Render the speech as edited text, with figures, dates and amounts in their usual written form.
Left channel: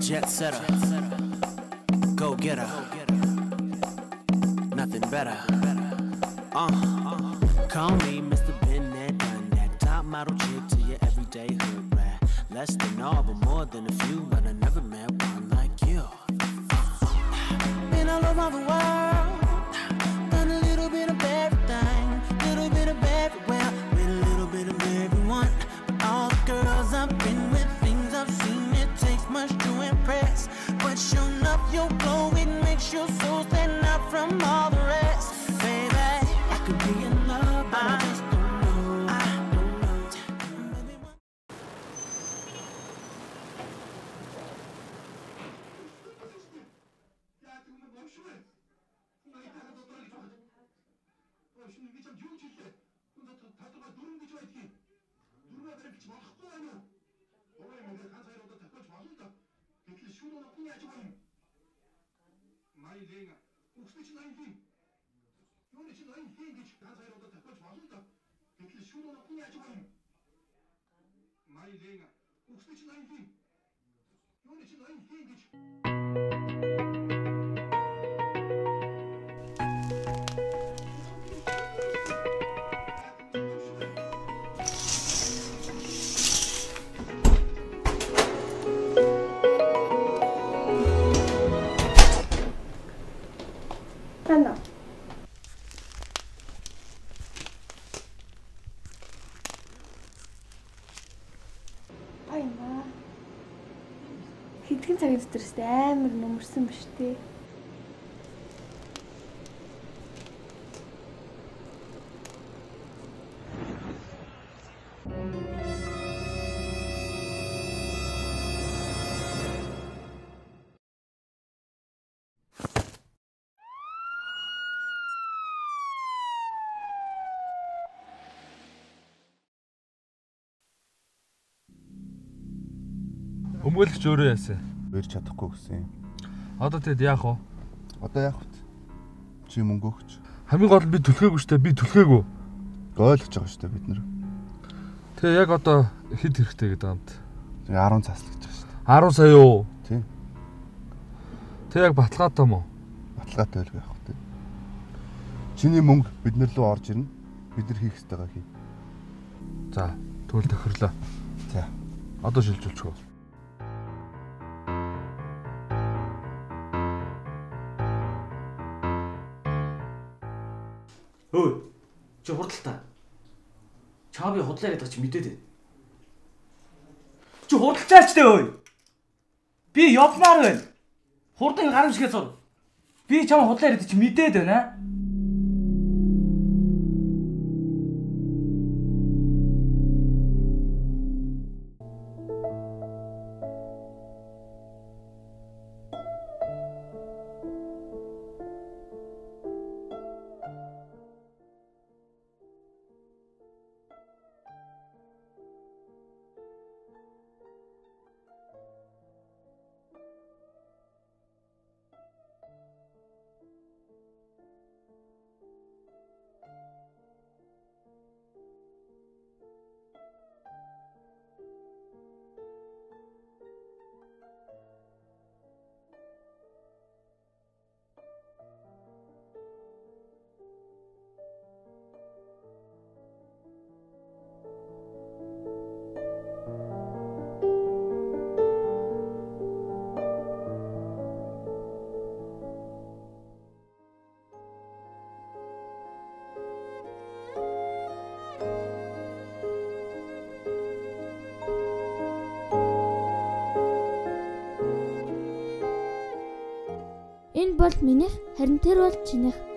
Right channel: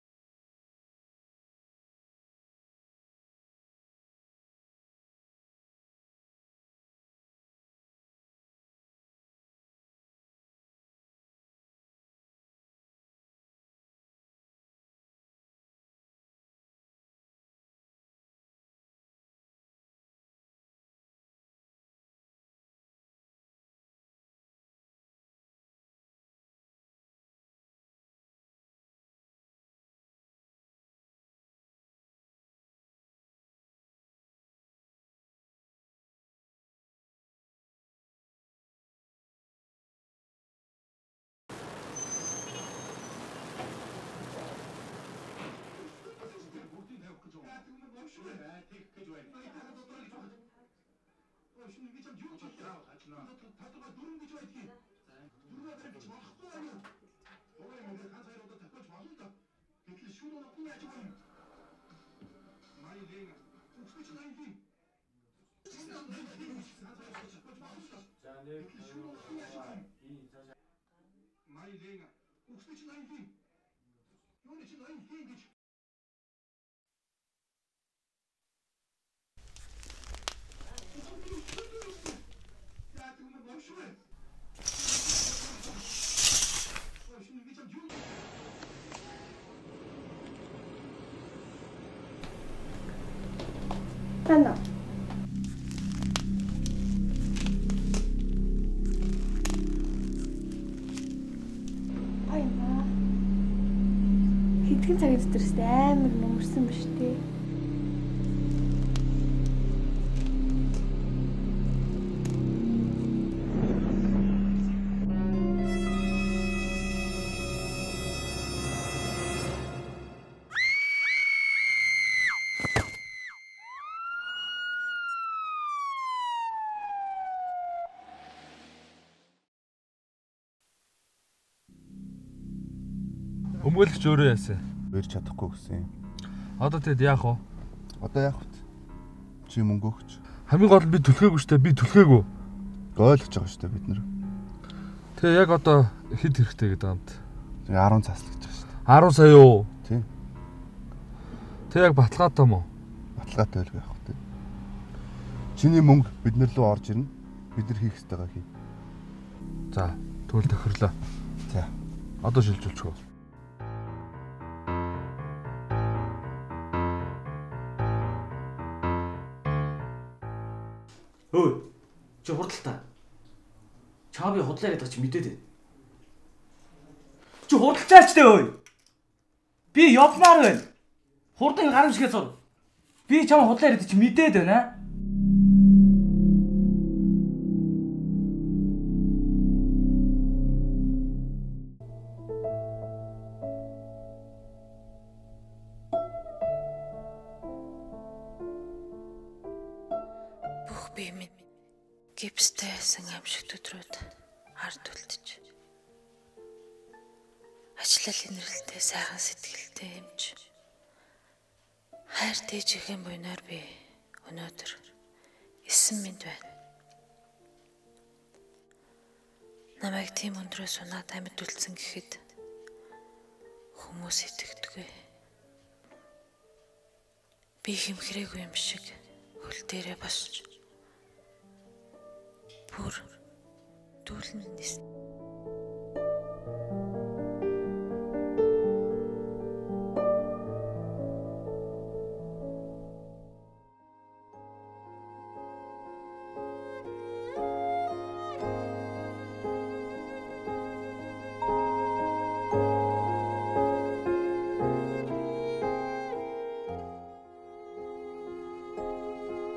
Jet setter, go getter, nothing better. Call me Mr. Been there, done that. Top model chick to your everyday hood rat. Less than all, but more than a few. But I never met one like you. Been all over the world, done a little bit of everything, little bit of everywhere, with a little bit of everyone. But all the girls I've been with, things I've seen, it takes much to impress. But showing up your glow, it makes your soul stand out from all the rest. Baby, I could be in love, but I just don't know. I don't know. Ano? Аймаа. Хэдхэн цагийн дотор амар нөмөрсөн биш үү? Өмгөөлөгч өөрөө яасан. Барьж чадахгүй гэсэн юм. Одоо тэгэд яах вэ? Одоо яах вэ? Чи мөнгө өгч. Хамгийн гол нь би түлхээгүй штэ. Би түлхээгүй. Ойлгож байгаа штэ бид нар. Тэгээ яг одоо хэд хэрэгтэй гэдэг юмд. Тэгээ 10 цаас л гэж байгаа штэ. 10 сая юу? Тийм. Тэг яг баталгаатай мó? Баталгаатай байлгүй яах вэ? Чиний мөнгө бид нар руу орж ирнэ. Бид нар хийх ёстойгоо хий. За, тэгвэл тохирлоо. За. Одоо шилжүүлчихв. Өө, чи хурдталтаа. Чаа би худлаа гэдэг чи мэдээд байна. Чи хурдталчаач дээ өө. Би явмаар байна. Хурдан гарамшигээс сур. Би чам худлаа гэдэг чи мэдээд байна. Би минь гипстэй байсан амшигт өдрүүд ард үлдэж ажлал инрэлтэй сайхан сэтгэлтэй юмч хайр дээжихэн буйнаар би өнөөдөр 9 минут байна. Намайг тийм өндрөө сунаад амьд үлдсэн гэхэд хүмүүс итгэдэггүй. Би хэмхрээгүй юм шиг хөл дээрээ босч бүр дүүлэн нисэн. Энэ бол минийх, харин тэр бол чинийх.